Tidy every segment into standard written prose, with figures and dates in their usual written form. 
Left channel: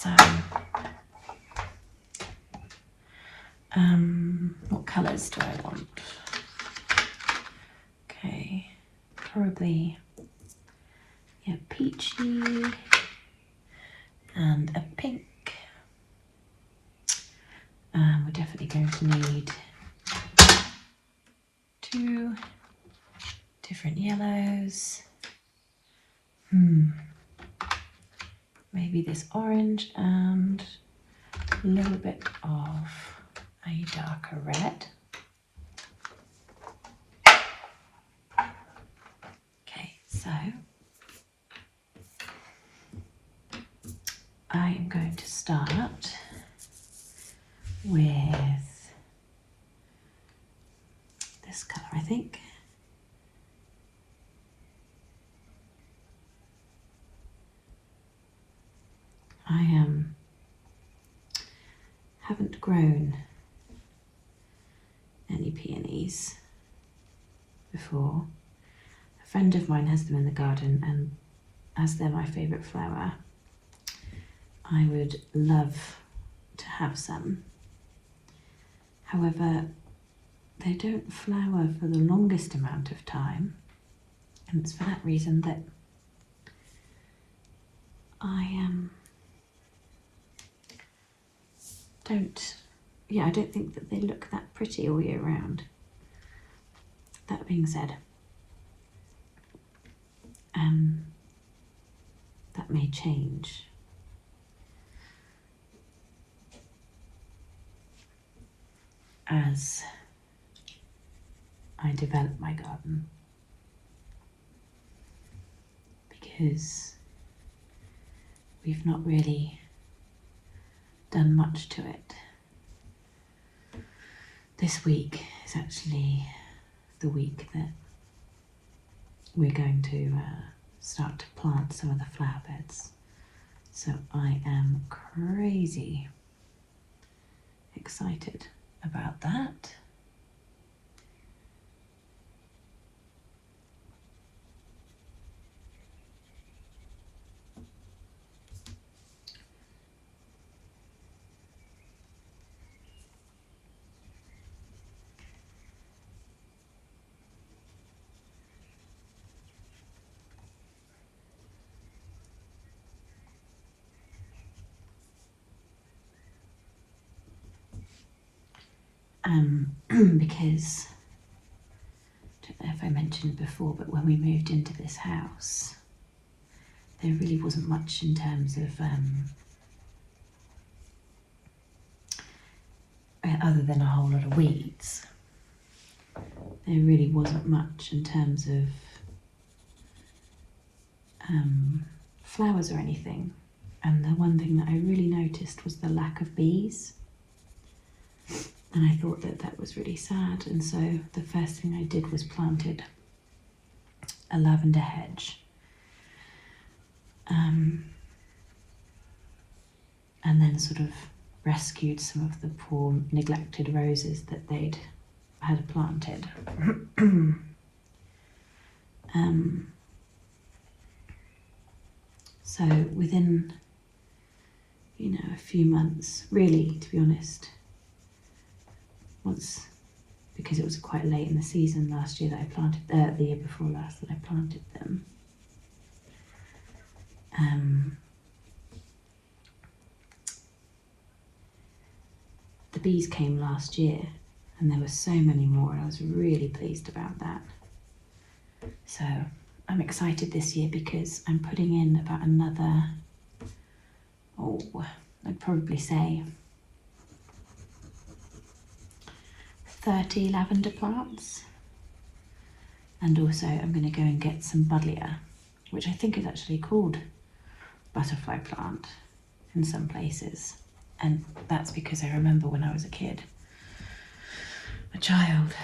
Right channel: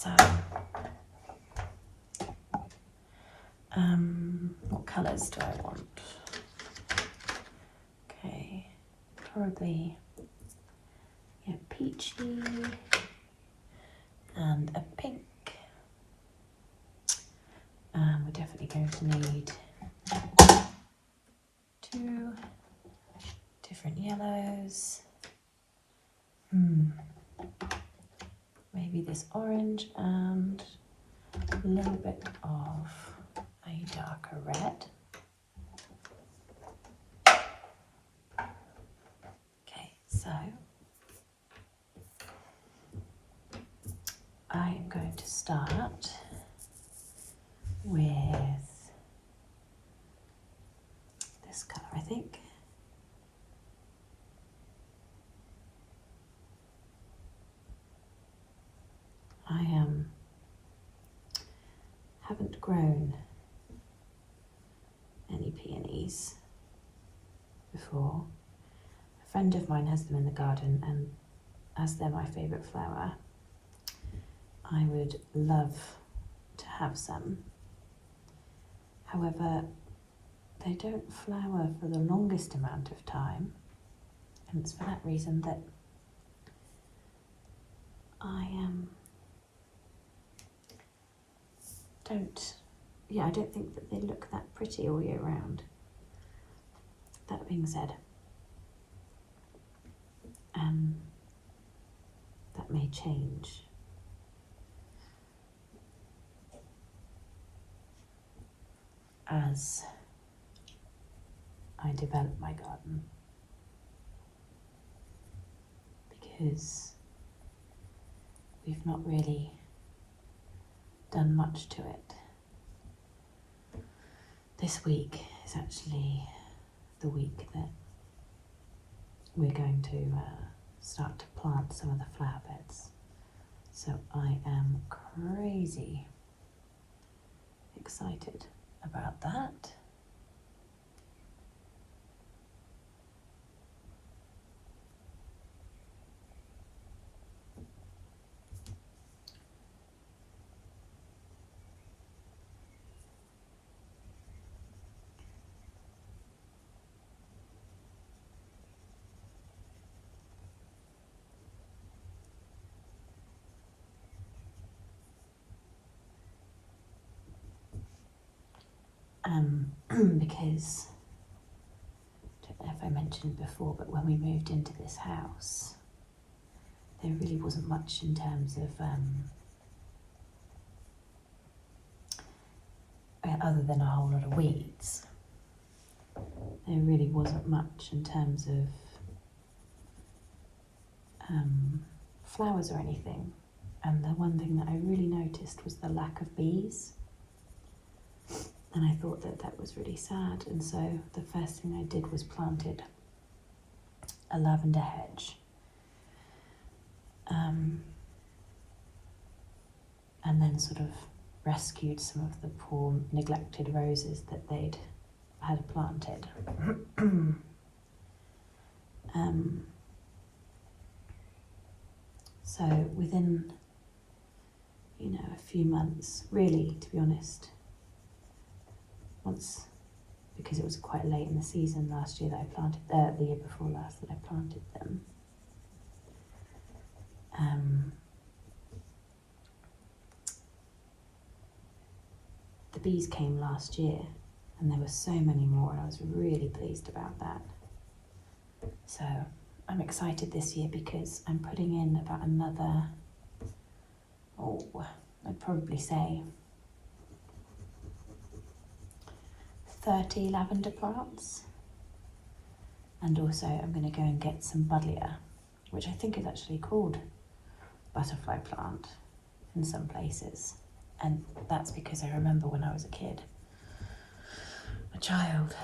So, what colours do I want? Okay, probably peachy and a pink. We're definitely going to need 2 different yellows. Maybe this orange and a little bit of a darker red. Okay, so I am going to start with this colour, I think. I haven't grown any peonies before. A friend of mine has them in the garden, and as they're my favourite flower, I would love to have some. However, they don't flower for the longest amount of time, and it's for that reason that I don't think that they look that pretty all year round. That being said, that may change. As I develop my garden, because we've not really done much to it. This week is actually the week that we're going to start to plant some of the flower beds. So I am crazy excited about that. Because, I don't know if I mentioned before, but when we moved into this house, there really wasn't much in terms of, other than a whole lot of weeds, there really wasn't much in terms of flowers or anything. And the one thing that I really noticed was the lack of bees. And I thought that that was really sad, and so the first thing I did was planted a lavender hedge, and then sort of rescued some of the poor neglected roses that they'd had planted. So within, a few months, really, to be honest, once, because it was quite late in the season last year that I planted, the year before last that I planted them. The bees came last year, and there were so many more, and I was really pleased about that. So I'm excited this year because I'm putting in about another, I'd probably say 30 lavender plants, and also I'm going to go and get some buddleia, which I think is actually called butterfly plant in some places, and that's because I remember when I was a child,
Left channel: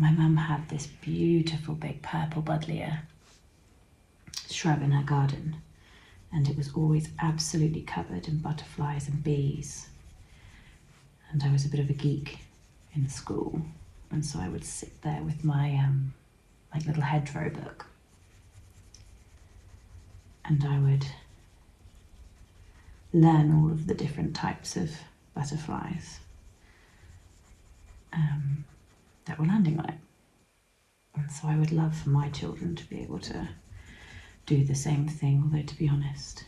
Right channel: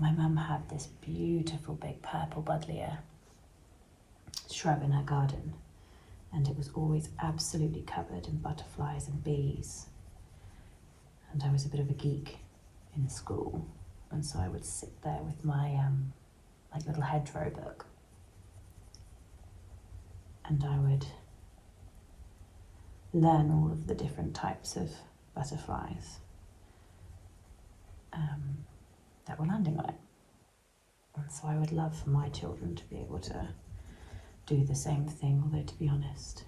my mum had this beautiful big purple buddleia shrub in her garden, and it was always absolutely covered in butterflies and bees. And I was a bit of a geek in school, and so I would sit there with my like little hedgerow book, and I would learn all of the different types of butterflies that were landing on it. And so I would love for my children to be able to do the same thing, although to be honest,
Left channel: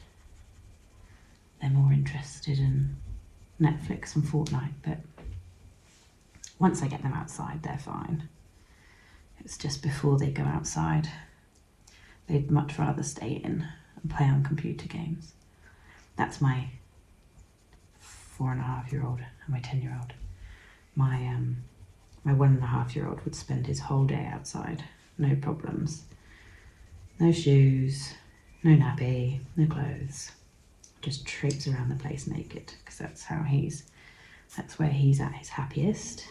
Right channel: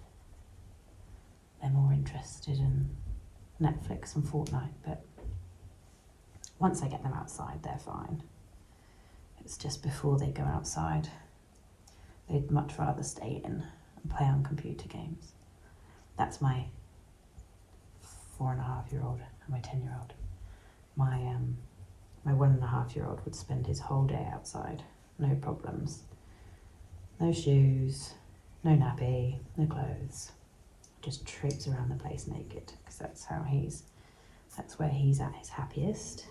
they're more interested in Netflix and Fortnite, but once I get them outside, they're fine. It's just before they go outside, they'd much rather stay in and play on computer games. That's my 4.5-year-old and my 10-year-old. My 1.5-year-old would spend his whole day outside, no problems. No shoes, no nappy, no clothes. Just traipse around the place naked, because that's where he's at his happiest.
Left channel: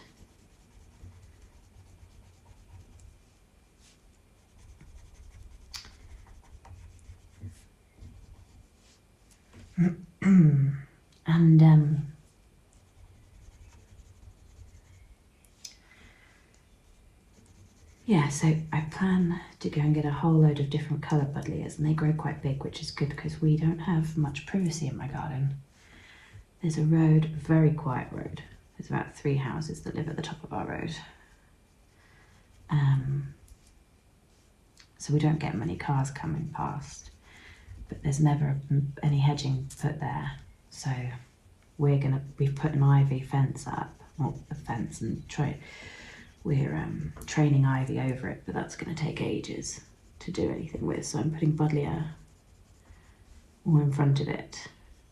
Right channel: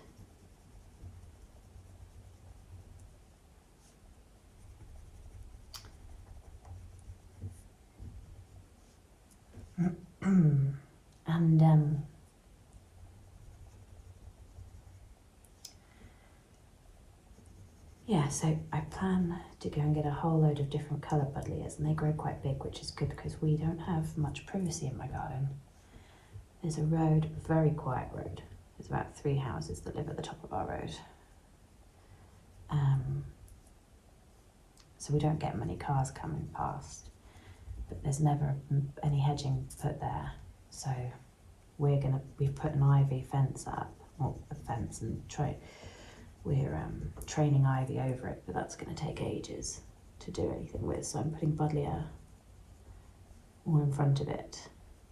And yeah, so I plan to go and get a whole load of different coloured buddleias, and they grow quite big, which is good because we don't have much privacy in my garden. There's a road, a very quiet road. There's about 3 houses that live at the top of our road. So we don't get many cars coming past, but there's never any hedging put there. So we've put an ivy fence up, not a fence, and we're training ivy over it, but that's going to take ages to do anything with. So I'm putting buddleia all in front of it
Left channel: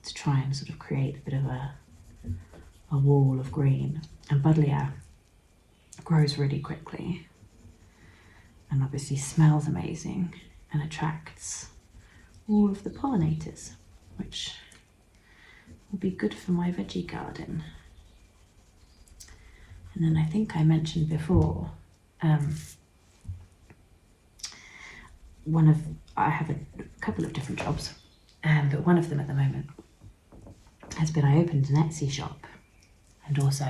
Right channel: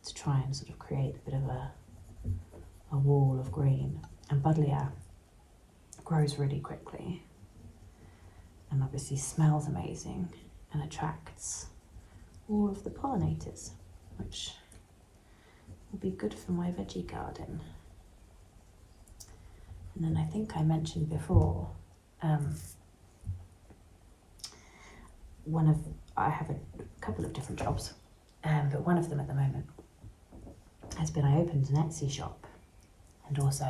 to try and sort of create a bit of a wall of green. And buddleia grows really quickly and obviously smells amazing and attracts all of the pollinators, which will be good for my veggie garden. And then I think I mentioned before, I have a couple of different jobs, but one of them at the moment has been I opened an Etsy shop, and also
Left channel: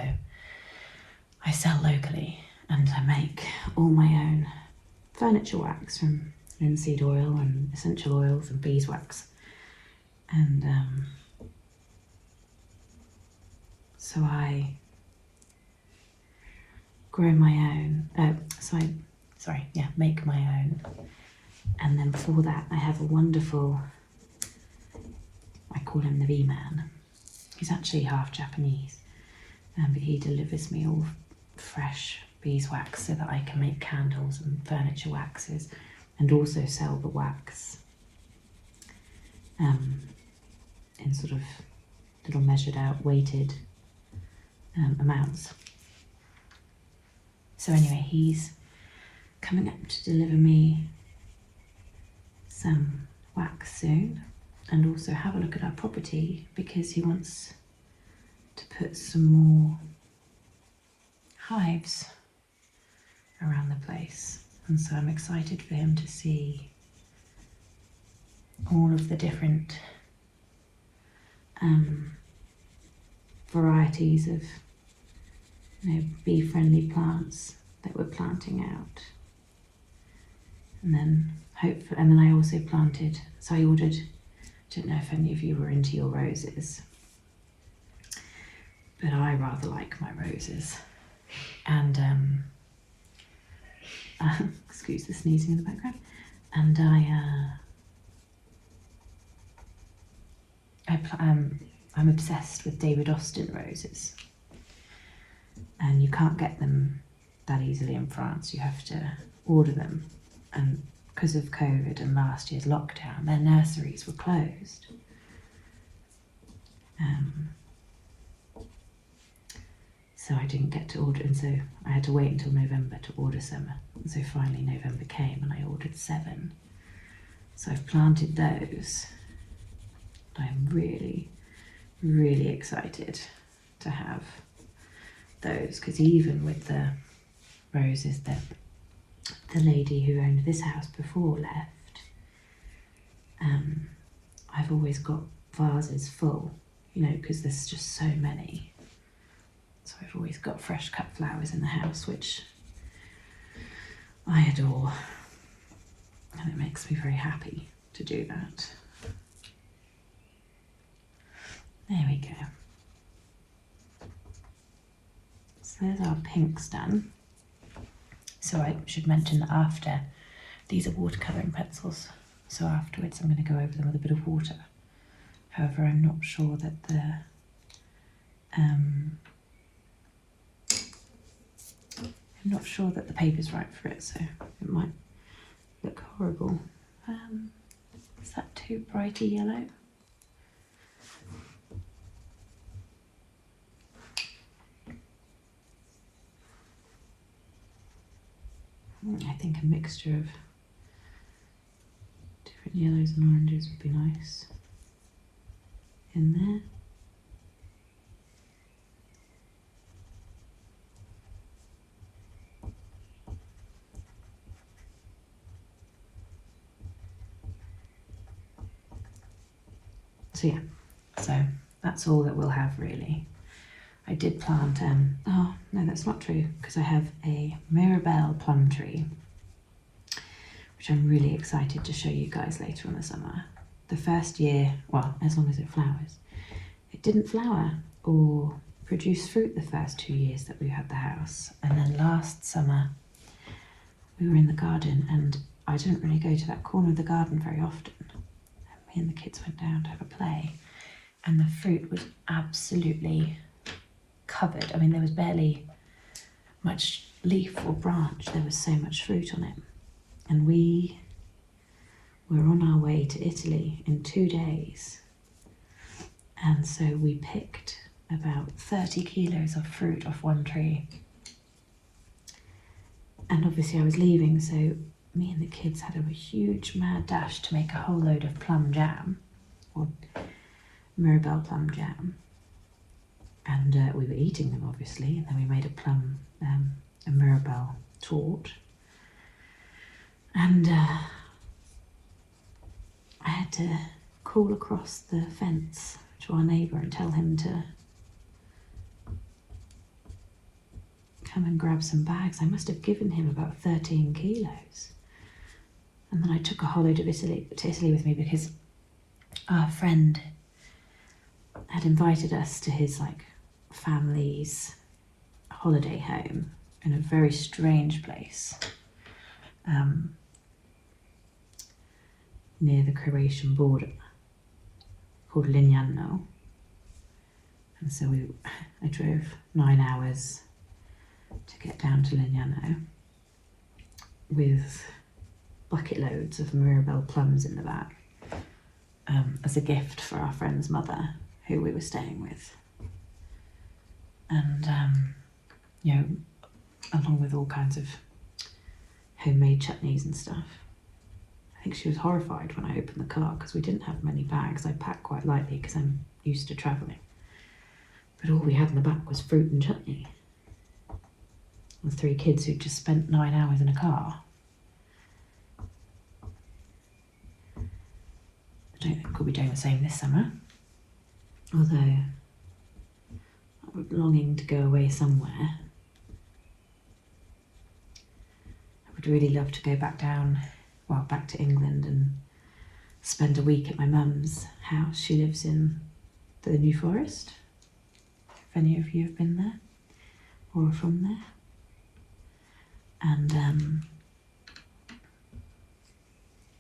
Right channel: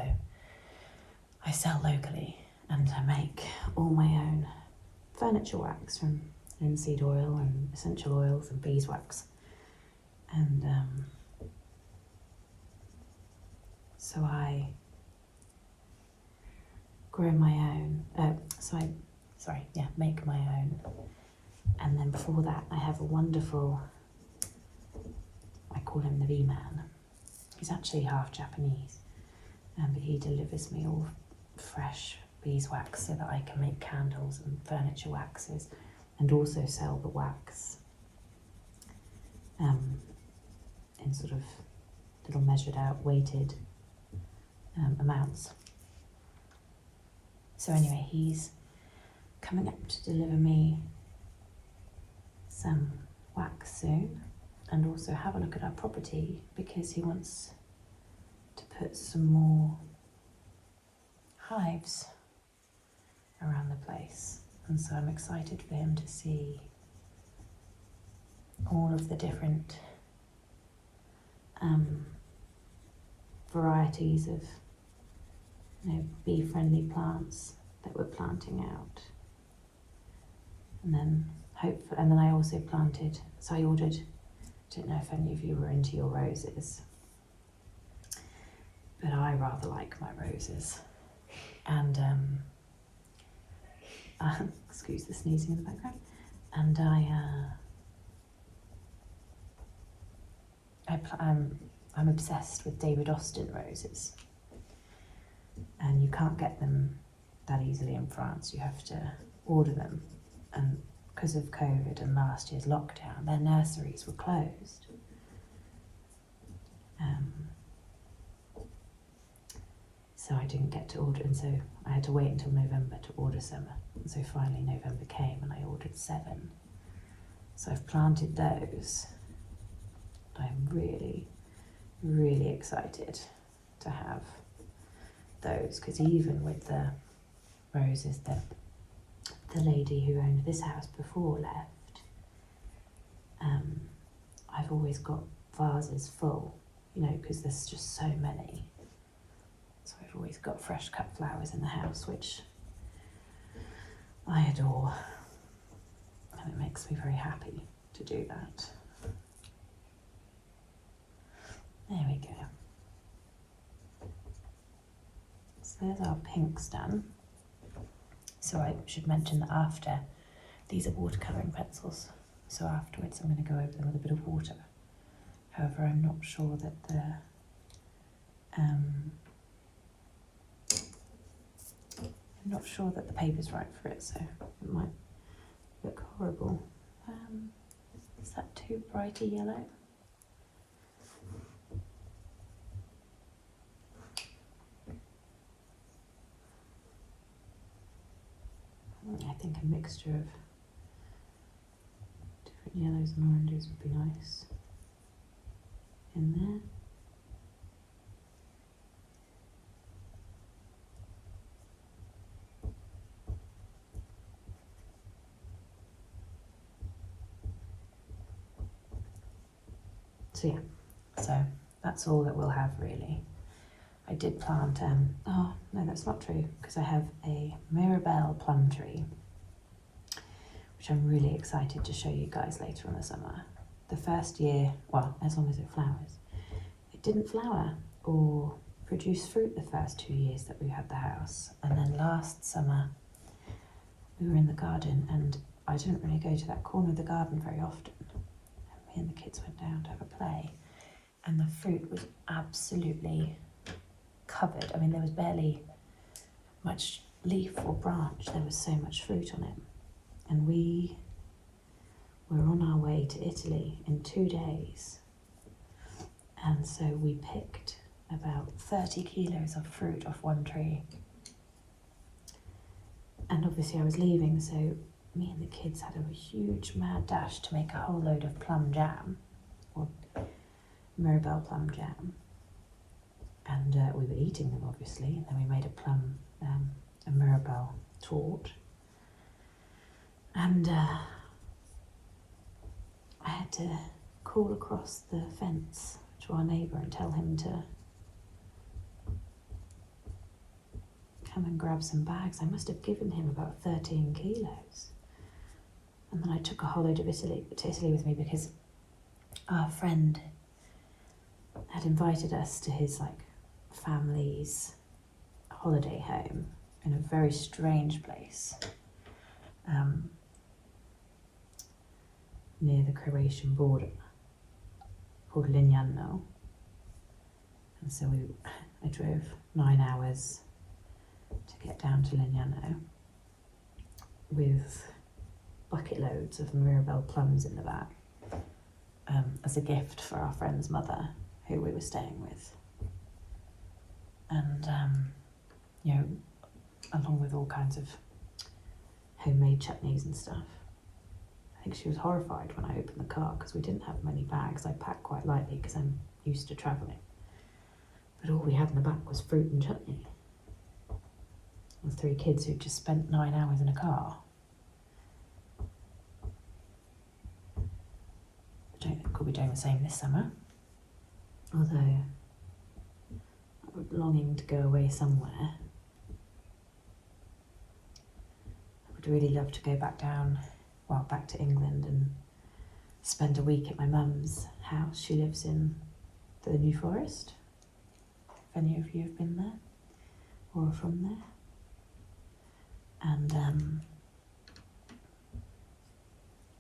I sell locally, and I make all my own furniture wax from linseed oil and essential oils and beeswax, and so I grow my own, make my own. And then before that, I have a wonderful, I call him the V-Man. He's actually half Japanese, but he delivers me all fresh beeswax so that I can make candles and furniture waxes, and also sell the wax in sort of little measured out, weighted amounts. So anyway, he's coming up to deliver me some wax soon, and also have a look at our property because he wants to put some more hives around the place. And so I'm excited for him to see all of the different varieties of bee-friendly plants that we're planting out. And then I also planted, so I ordered, I don't know if any of you were into your roses, but I rather like my roses. And excuse the sneezing in the background. And I'm obsessed with David Austin roses, and you can't get them that easily in France. You have to order them, and because of COVID and last year's lockdown, their nurseries were closed. So I didn't get to order, and so I had to wait until November to order some. And so finally November came and I ordered 7. So I've planted those. I'm really, really excited to have those, because even with the roses that the lady who owned this house before left, I've always got vases full, because there's just so many. So I've always got fresh cut flowers in the house, which I adore, and it makes me very happy to do that. There we go. So there's our pinks done. So I should mention that after, these are watercolouring pencils, so afterwards I'm going to go over them with a bit of water. However, I'm not sure that the paper's right for it, so it might look horrible. Is that too brighty yellow? I think a mixture of different yellows and oranges would be nice in there. So yeah, so that's all that we'll have really. I did plant, oh no, that's not true, because I have a Mirabelle plum tree, which I'm really excited to show you guys later in the summer. The first year, well, as long as it flowers, it didn't flower or produce fruit the first 2 years that we had the house. And then last summer, we were in the garden, and I didn't really go to that corner of the garden very often. Me and the kids went down to have a play, and the fruit was absolutely covered. I mean, there was barely much leaf or branch, there was so much fruit on it. And we were on our way to Italy in 2 days, and so we picked about 30 kilos of fruit off one tree. And obviously I was leaving, so me and the kids had a huge mad dash to make a whole load of plum jam, or Mirabelle plum jam. And we were eating them obviously, and then we made a Mirabelle tort. And I had to call across the fence to our neighbour and tell him to come and grab some bags. I must have given him about 13 kilos. And then I took a whole load of to Italy with me, because our friend had invited us to his family's holiday home in a very strange place near the Croatian border called Lignano. And so I drove 9 hours to get down to Lignano with bucket loads of Mirabelle plums in the back as a gift for our friend's mother, who we were staying with. And you know, along with all kinds of homemade chutneys and stuff. I think she was horrified when I opened the car, because we didn't have many bags. I packed quite lightly because I'm used to travelling. But all we had in the back was fruit and chutney. With 3 kids who'd just spent 9 hours in a car. I don't think we'll be doing the same this summer. Although, I'm longing to go away somewhere. I would really love to go back to England and spend a week at my mum's house. She lives in the New Forest, if any of you have been there or are from there. And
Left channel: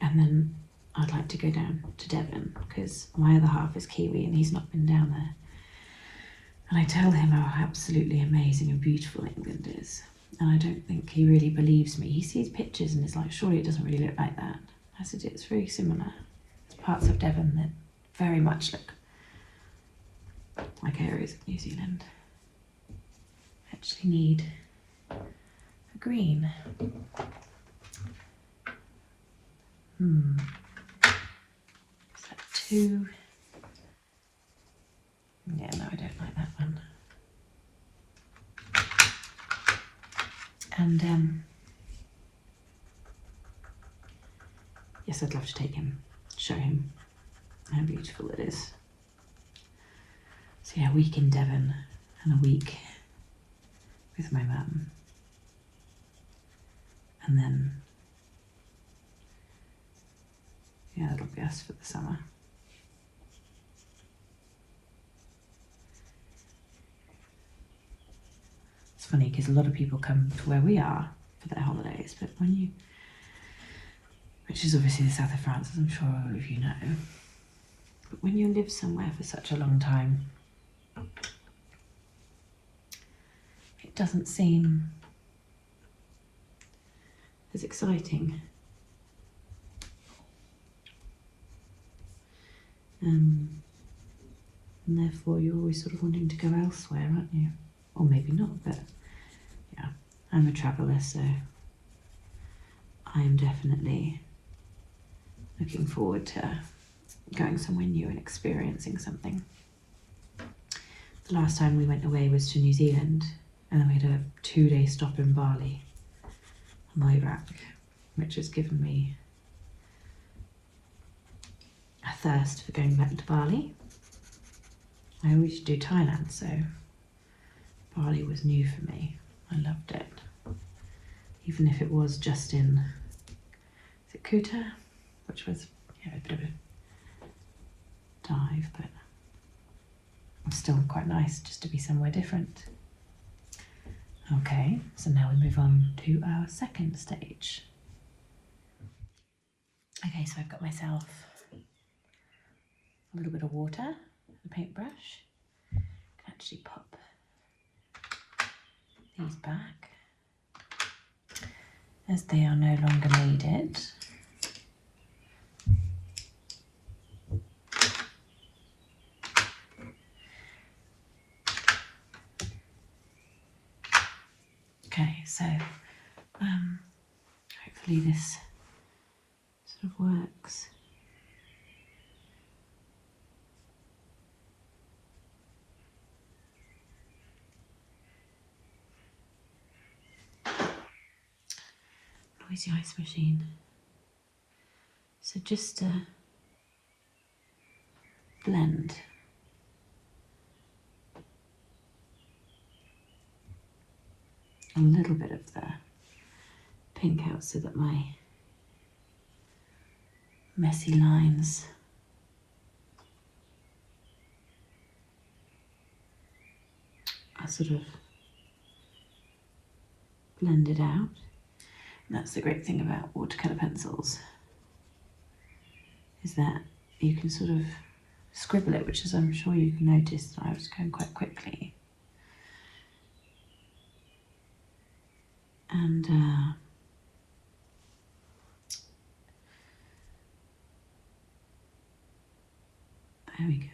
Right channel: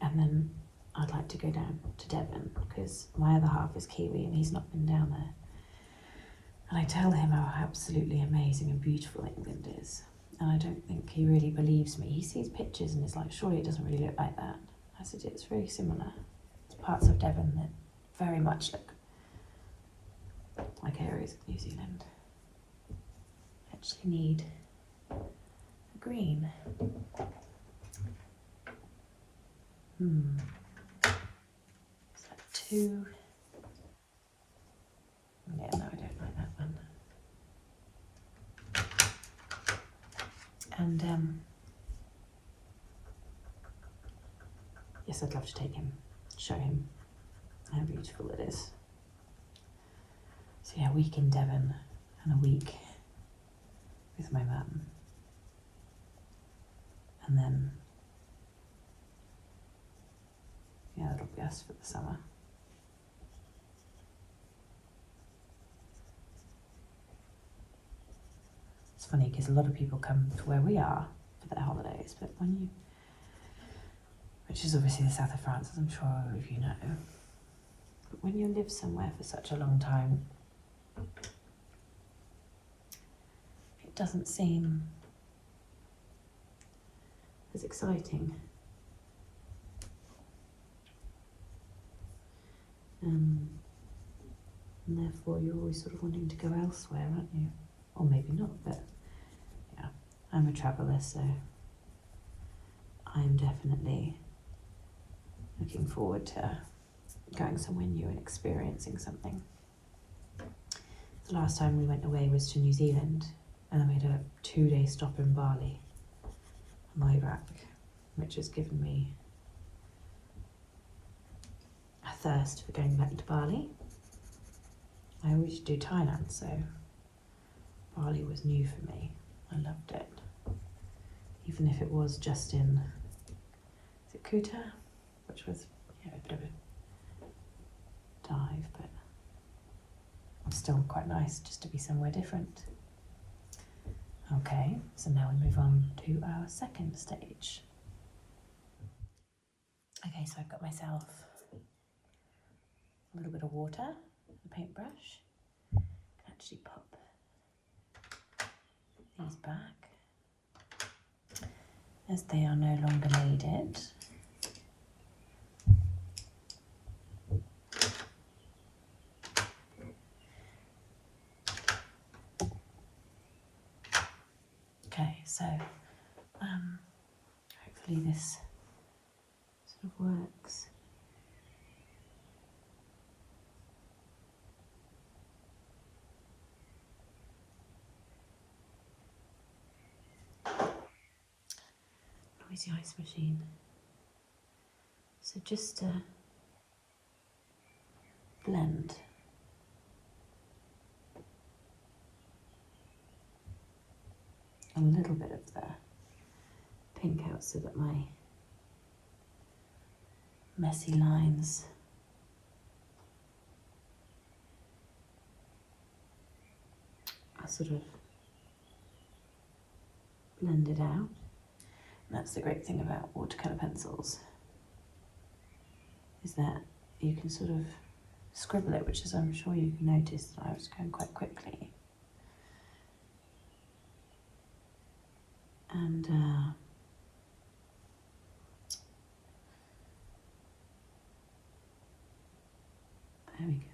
then I'd like to go down to Devon, because my other half is Kiwi and he's not been down there. And I tell him how absolutely amazing and beautiful England is. And I don't think he really believes me. He sees pictures and is like, surely it doesn't really look like that. I said, it's very similar. There's parts of Devon that very much look like areas of New Zealand. Actually need a green. Is that too? Yeah, no, I don't like that one. And yes, I'd love to take him, show him how beautiful it is. So yeah, a week in Devon and a week with my mum. And then, yeah, that'll be us for the summer. funny because a lot of people come to where we are for their holidays, but when you, which is obviously the south of France, as I'm sure all of you know, but when you live somewhere for such a long time, it doesn't seem as exciting. And therefore you're always sort of wanting to go elsewhere, aren't you? Or maybe not, but yeah, I'm a traveller, so I am definitely looking forward to going somewhere new and experiencing something. The last time we went away was to New Zealand, and then we had a 2-day stop in Bali on the way back, which has given me a thirst for going back to Bali. I always used to do Thailand, so Bali was new for me. I loved it. Even if it was just in, is it Kuta? Which was, yeah, a bit of a dive, but still quite nice just to be somewhere different. Okay, so now we move on to our second stage. Okay, so I've got myself a little bit of water, a paintbrush. I can actually pop these back as they are no longer needed. Okay, so hopefully this sort of works. Noisy ice machine. So just blend a little bit of the pink out so that my messy lines are sort of blended out. And that's the great thing about watercolour pencils, is that you can sort of scribble it, which is, I'm sure you can notice that I was going quite quickly. And there we go.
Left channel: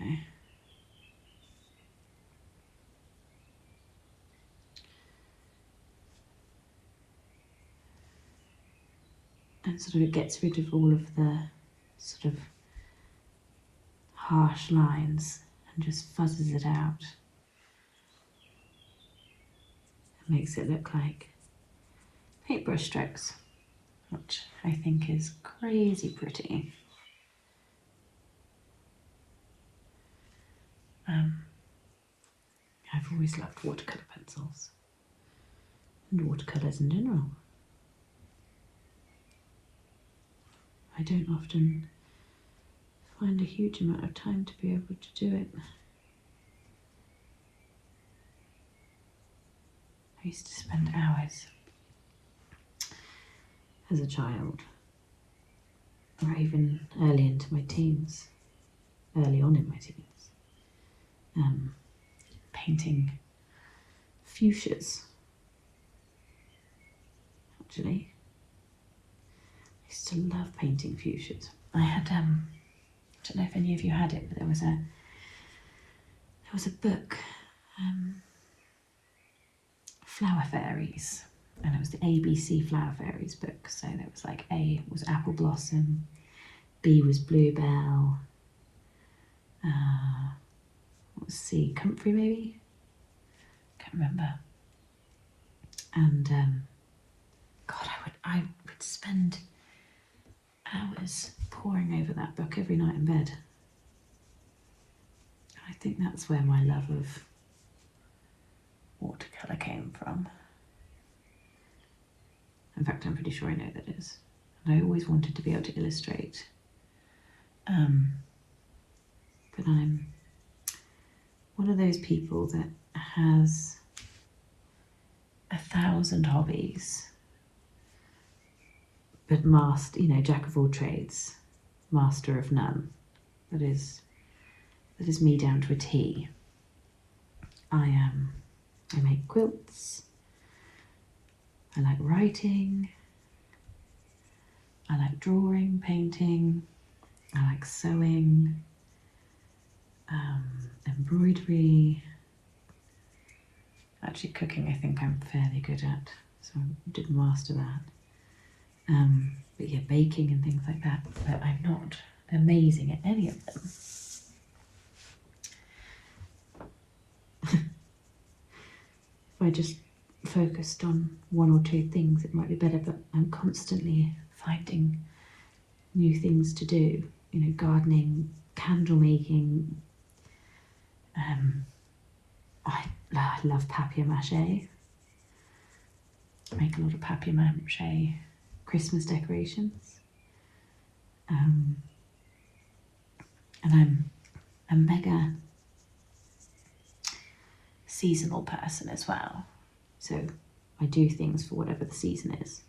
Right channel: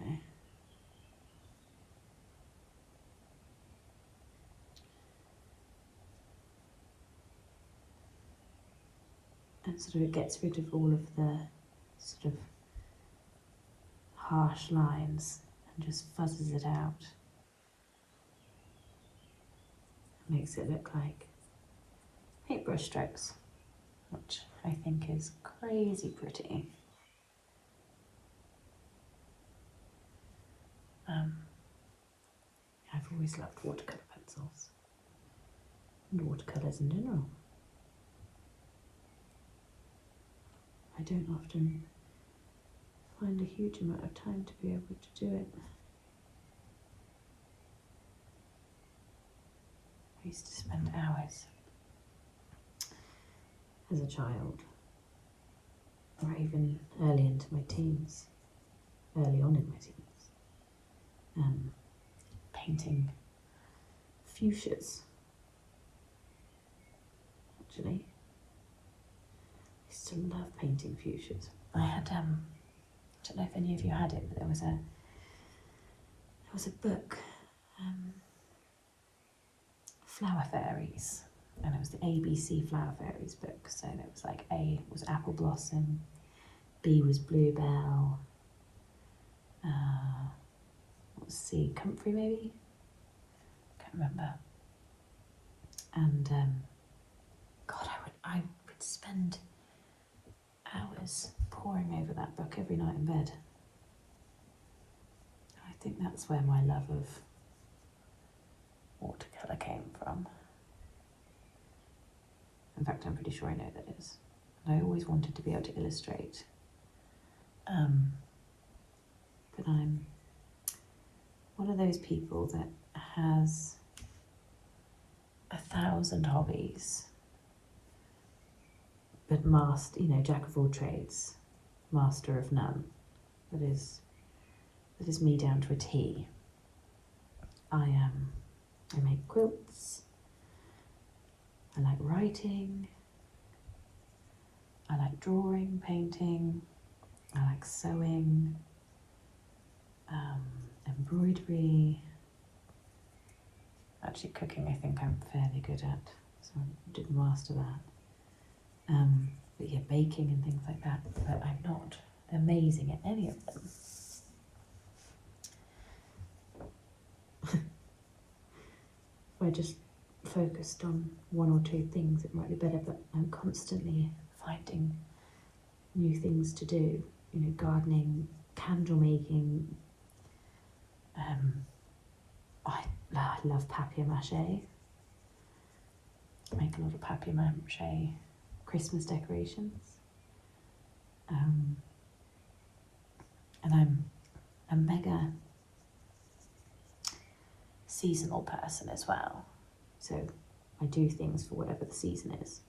And sort of it gets rid of all of the sort of harsh lines and just fuzzes it out. It makes it look like paintbrush strokes, which I think is crazy pretty. I've always loved watercolour pencils and watercolours in general. I don't often find a huge amount of time to be able to do it. I used to spend hours as a child, or even early into my teens, early on in my teens, painting fuchsias, actually. I used to love painting fuchsias. I had, I don't know if any of you had it, but there was a book, Flower Fairies, and it was the ABC Flower Fairies book. So there was like A was Apple Blossom, B was Bluebell, what was C, Comfrey maybe? Can't remember. And God, I would spend hours poring over that book every night in bed. I think that's where my love of watercolour came from. In fact, I'm pretty sure I know that is. And I always wanted to be able to illustrate. But I'm one of those people that has 1,000 hobbies, but jack of all trades, master of none. That is me down to a T. I make quilts. I like writing. I like drawing, painting. I like sewing, embroidery. Actually, cooking I think I'm fairly good at, so I did master that. But yeah, baking and things like that, but I'm not amazing at any of them. If I just focused on one or two things, it might be better, but I'm constantly finding new things to do, gardening, candle making. I love papier-mâché. I make a lot of papier-mâché Christmas decorations. And I'm a mega seasonal person as well. So I do things for whatever the season is.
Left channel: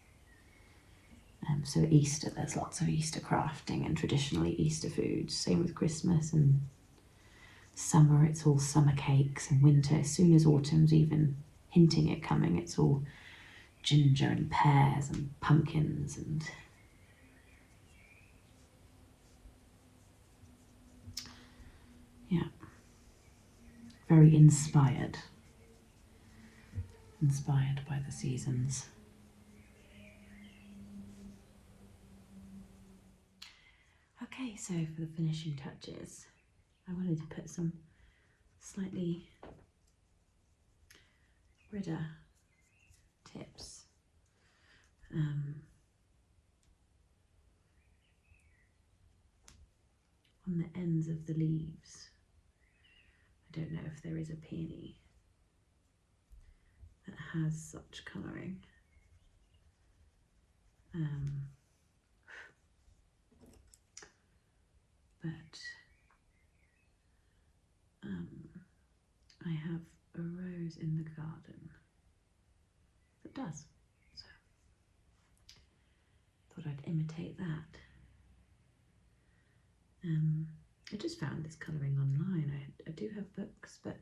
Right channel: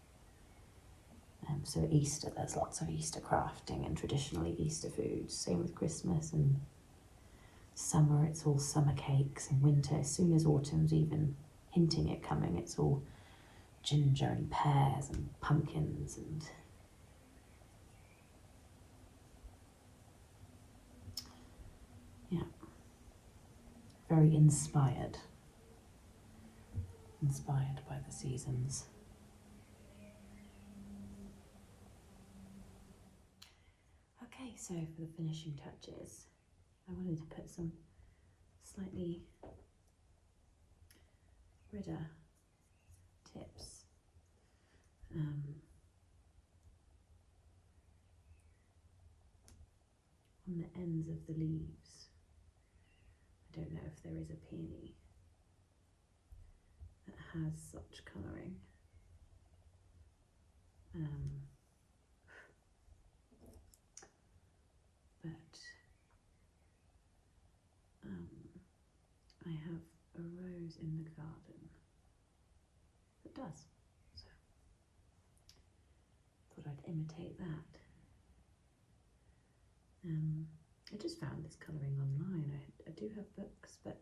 So Easter, there's lots of Easter crafting and traditionally Easter foods. Same with Christmas, and summer, it's all summer cakes, and winter, as soon as autumn's even hinting at coming, it's all ginger and pears and pumpkins and yeah, very inspired by the seasons. Okay, so for the finishing touches, I wanted to put some slightly redder tips. On the ends of the leaves. I don't know if there is a peony that has such colouring. I have a rose in the garden that does, so thought I'd imitate that. I just found this colouring online. I do have books, but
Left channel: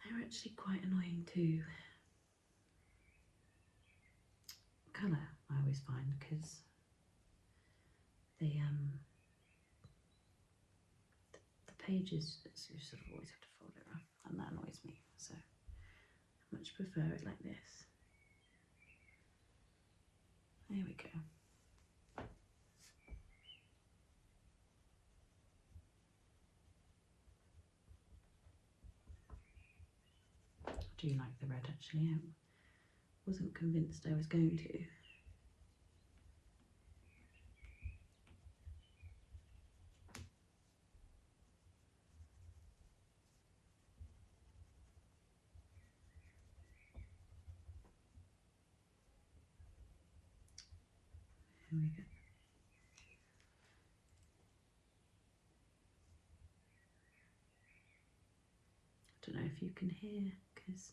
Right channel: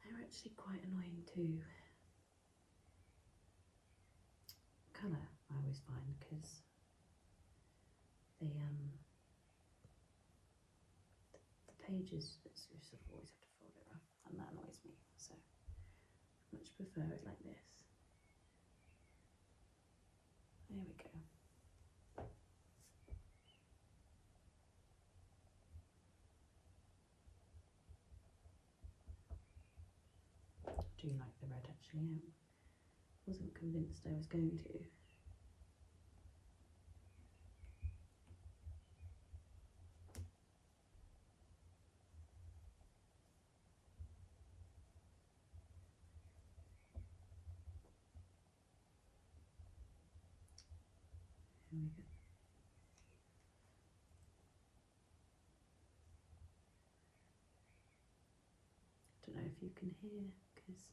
they're actually quite annoying to colour, I always find, because they the pages, you sort of always have to fold it around, and that annoys me, so I much prefer it like this. There we go. I do like the red, actually. I wasn't convinced I was going to. Here we go. I don't know if you can hear, because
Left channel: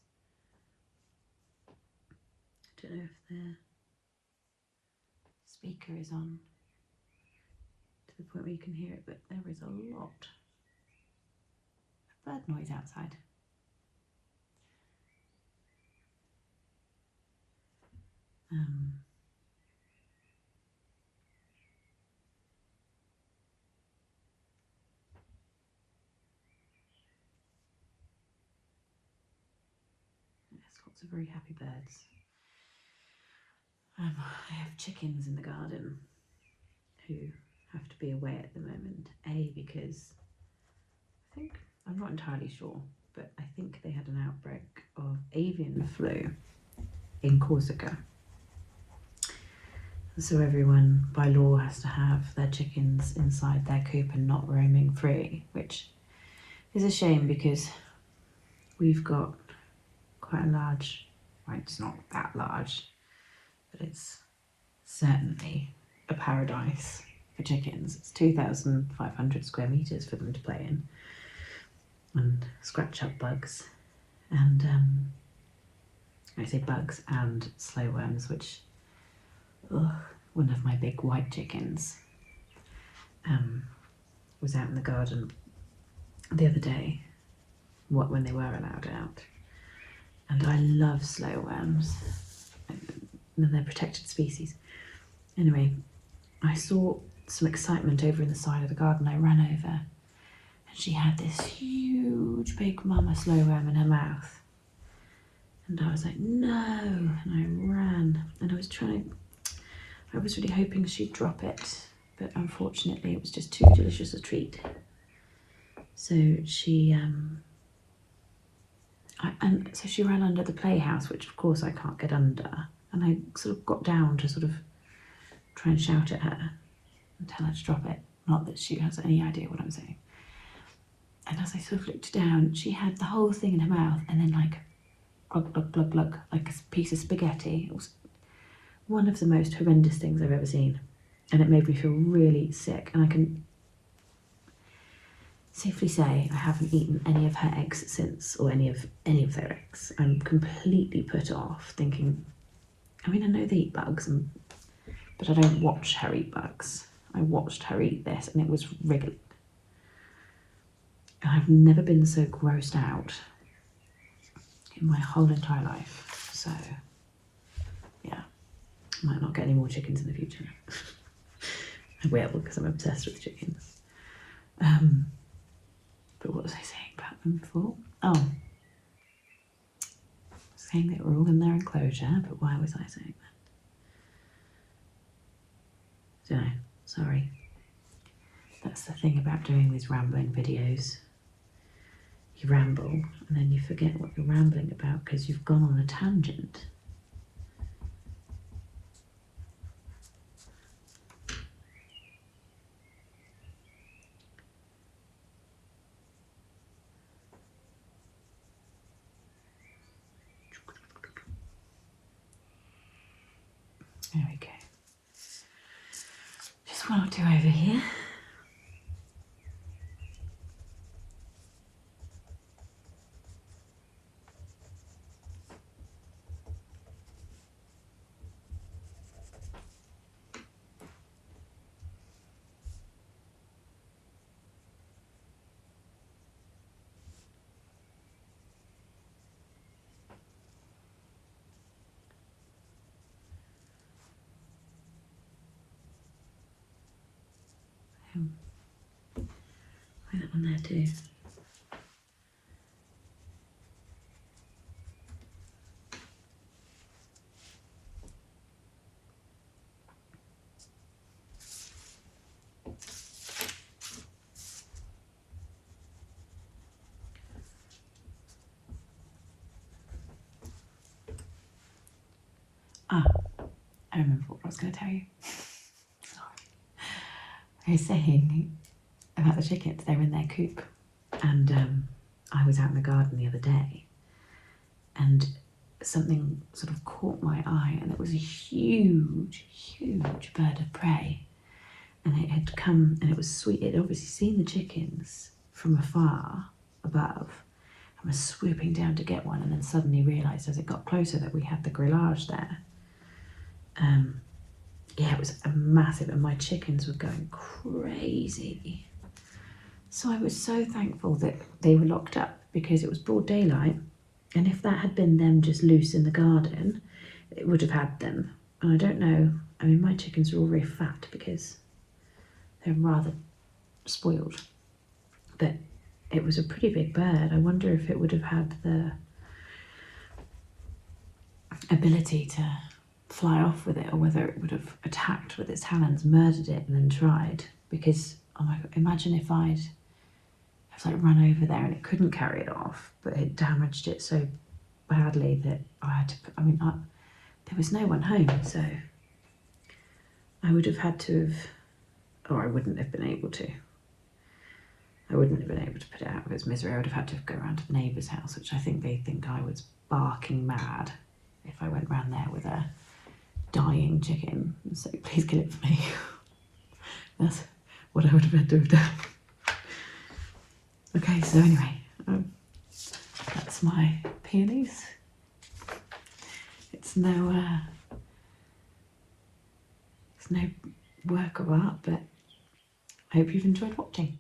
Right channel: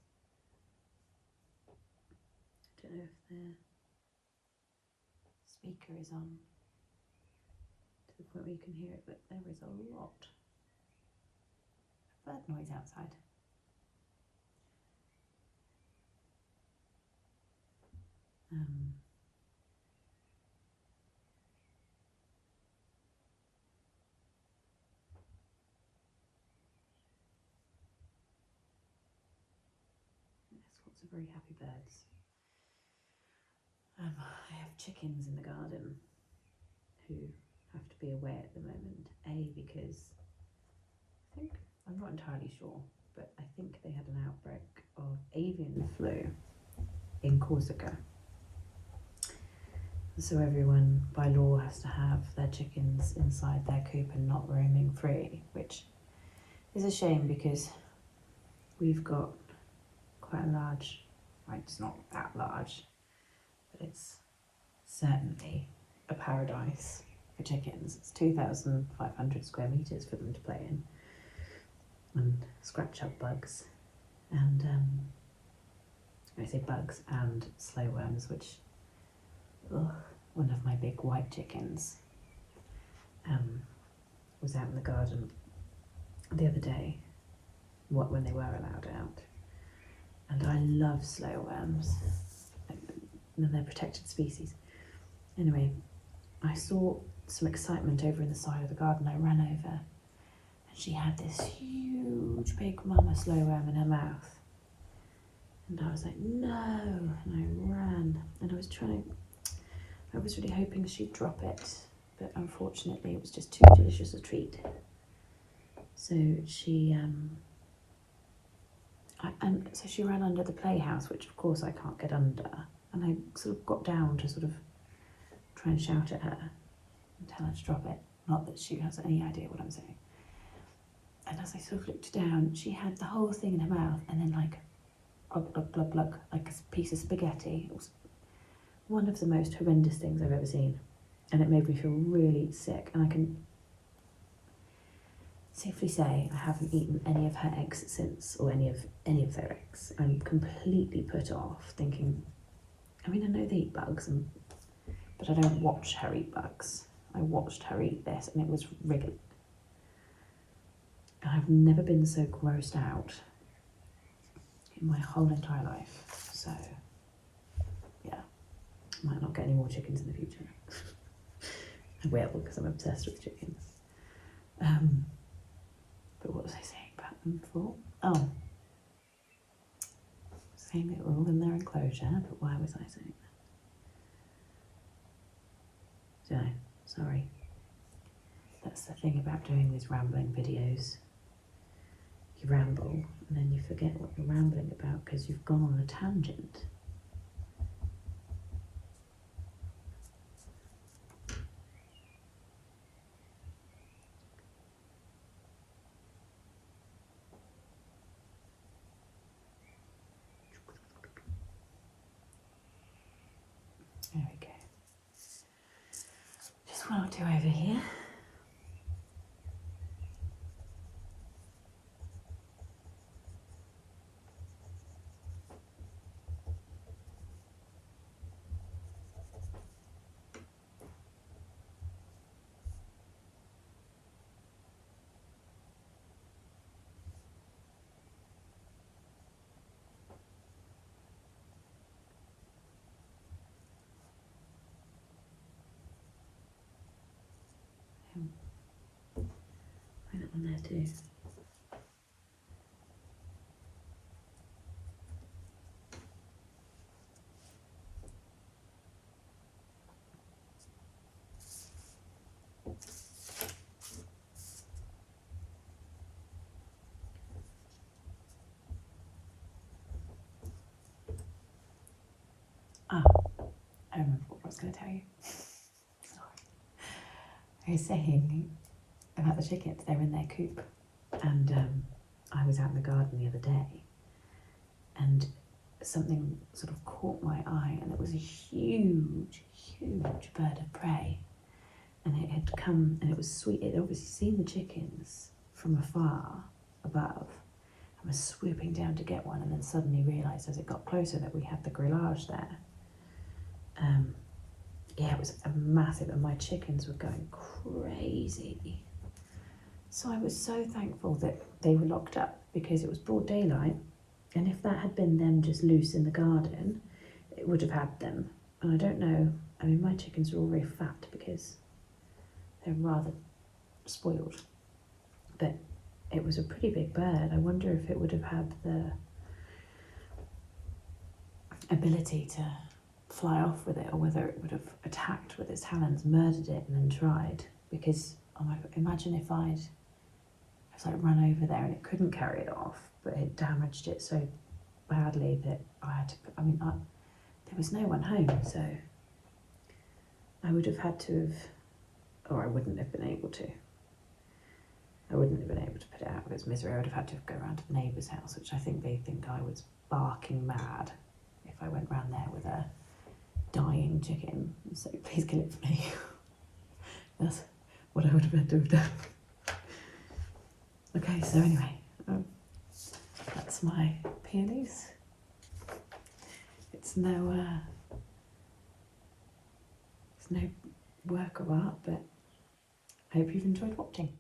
I don't know if the speaker is on to the point where you can hear it, but there is a lot of bird noise outside. There's lots of very happy birds. I have chickens in the garden who have to be away at the moment. Because I'm not entirely sure, but I think they had an outbreak of avian flu in Corsica. So everyone by law has to have their chickens inside their coop and not roaming free, which is a shame because we've got quite a large, well, it's not that large, but it's certainly a paradise for chickens. It's 2,500 square meters for them to play in and scratch up bugs and I say bugs and slow worms, which one of my big white chickens was out in the garden the other day, when they were allowed out, and I love slow worms, and they're protected species. Anyway, I saw some excitement over in the side of the garden. I ran over, and she had this huge big mama slow worm in her mouth. And I was like, no, and I ran, and I was really hoping she'd drop it, but unfortunately it was just too delicious a treat. So she she ran under the playhouse, which of course I can't get under, and I sort of got down to sort of try and shout at her and tell her to drop it. Not that she has any idea what I'm saying. And as I sort of looked down, she had the whole thing in her mouth, and then like glug, glug, glug, glug, like a piece of spaghetti. It was one of the most horrendous things I've ever seen, and it made me feel really sick. And I can safely say I haven't eaten any of her eggs since, or any of their eggs. I'm completely put off, thinking, I mean, I know they eat bugs, but I don't watch her eat bugs. I watched her eat this, and it was wriggling. And I've never been so grossed out in my whole entire life. So yeah, I might not get any more chickens in the future. I will, because I'm obsessed with chickens. But what was I saying about them before? Oh, saying they were all in their enclosure, but why was I saying that? Don't know, sorry. That's the thing about doing these rambling videos. You ramble, and then you forget what you're rambling about because you've gone on a tangent. There we go. Just one or two over here. Find that one there too. Ah, I remember what I was going to tell you. Sorry. I was saying about the chickens, they're in their coop, and I was out in the garden the other day, and something sort of caught my eye, and it was a huge, huge bird of prey, and it had come, and it was sweet. It had obviously seen the chickens from afar above, and was swooping down to get one, and then suddenly realised as it got closer that we had the grillage there. Yeah, it was a massive, and my chickens were going crazy. So I was so thankful that they were locked up, because it was broad daylight, and if that had been them just loose in the garden, it would have had them. And I don't know, I mean, my chickens are all very fat because they're rather spoiled, but it was a pretty big bird. I wonder if it would have had the ability to fly off with it, or whether it would have attacked with its talons, murdered it, and then tried. Because, oh my God, imagine if I'd like run over there and it couldn't carry it off, but it damaged it so badly that I had to, there was no one home, so I would have had to have, or I wouldn't have been able to. I wouldn't have been able to put it out of its misery. I would have had to go around to the neighbour's house, which I think they think I was barking mad if I went round there with a dying chicken and say, please kill it for me. That's what I would have had to have done. Okay, so anyway, that's my peonies. It's no work of art, but I hope you've enjoyed watching.